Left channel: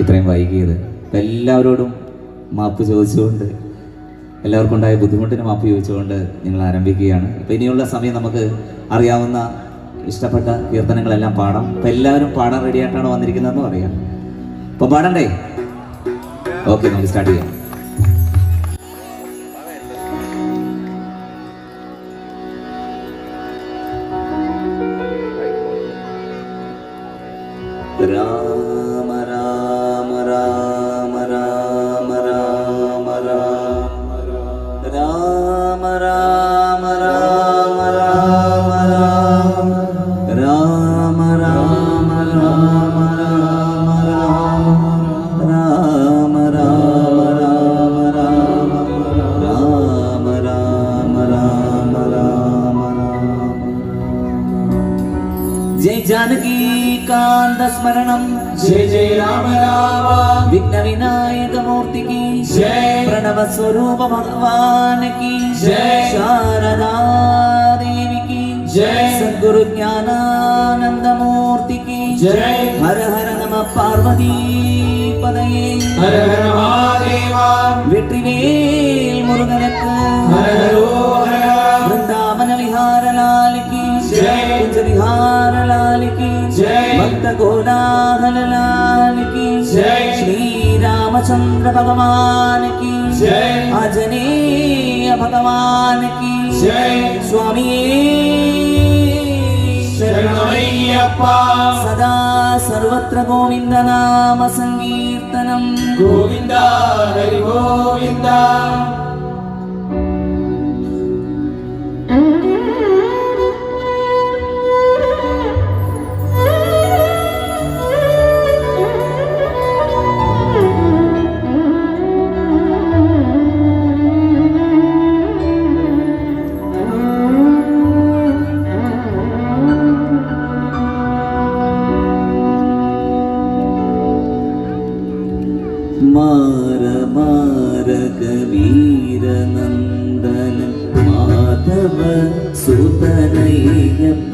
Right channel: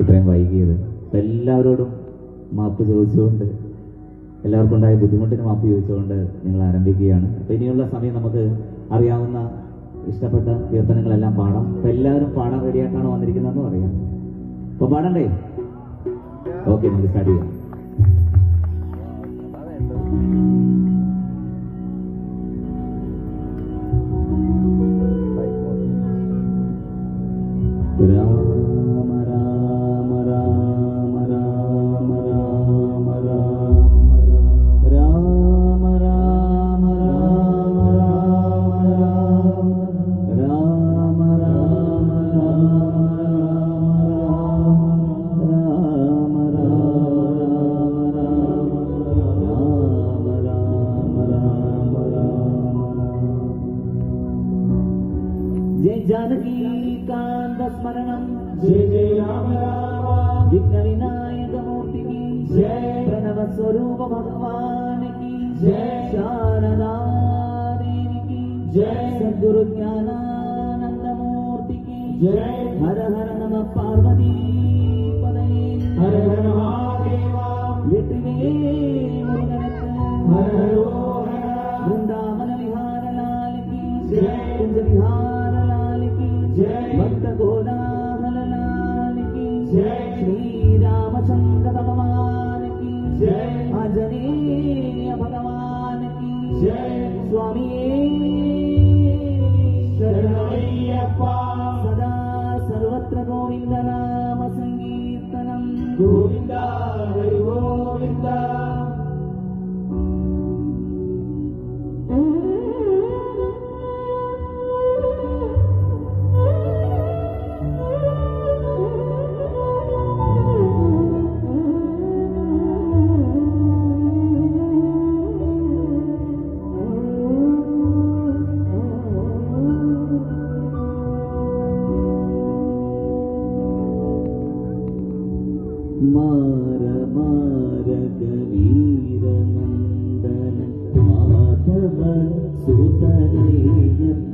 ഇത്രയും വൈകിയത്. അപ്പം എല്ലാവരോടും മാപ്പ് ചോദിച്ചുകൊണ്ട്, എല്ലാവർക്കും ഉണ്ടായ ബുദ്ധിമുട്ടിന് മാപ്പ് ചോദിച്ചുകൊണ്ട് നിങ്ങൾ ആരംഭിക്കുകയാണ്. അപ്പം ഇനിയുള്ള സമയം നമുക്ക് അറിയാവുന്ന ഇഷ്ടപ്പെട്ട കീർത്തനങ്ങളെല്ലാം പാടാം. അപ്പം എല്ലാവരും പാടാൻ റെഡിയായിട്ടാണ് വന്നിരിക്കുന്നതെന്ന് പറയാം. അപ്പം പാടണ്ടേ? ഓക്കെ, നമുക്ക് സ്റ്റാർട്ട് ചെയ്യാം. രാമ രാമ രാമ രാമ രാമ രാമ രാമ രാമ രാമ രാമ രാമ രാമ രാമ രാമ രാമ जय जानकी कांत स्मरणम, जय जय राम राम, विघ्न विनायक मूर्ति की जय, प्रणव स्वरूप भगवान की जय, शारदा देवी की जय, सद्गुरु ज्ञानानंद मूर्ति की जय, हर हर नमः पार्वती पदये, हर हर महादेवा, वेट्रिवेल मुरुगनक्कु हर हर वृंदावन विहार लाल की जय, कुंज विहार लाल की जय, भक्त कोलाहल लाल की जय, श्री रामचंद्र भगवान की जय, आंजनेय भगवान की जय, स्वामी शरणमय्यप्पा, सदा सर्वत्र गोविंद नाम संकीर्तनम, गोविंदा हरि गोविंदा. मार मार कबीर नंदन माधव सुतनय्यप्पा,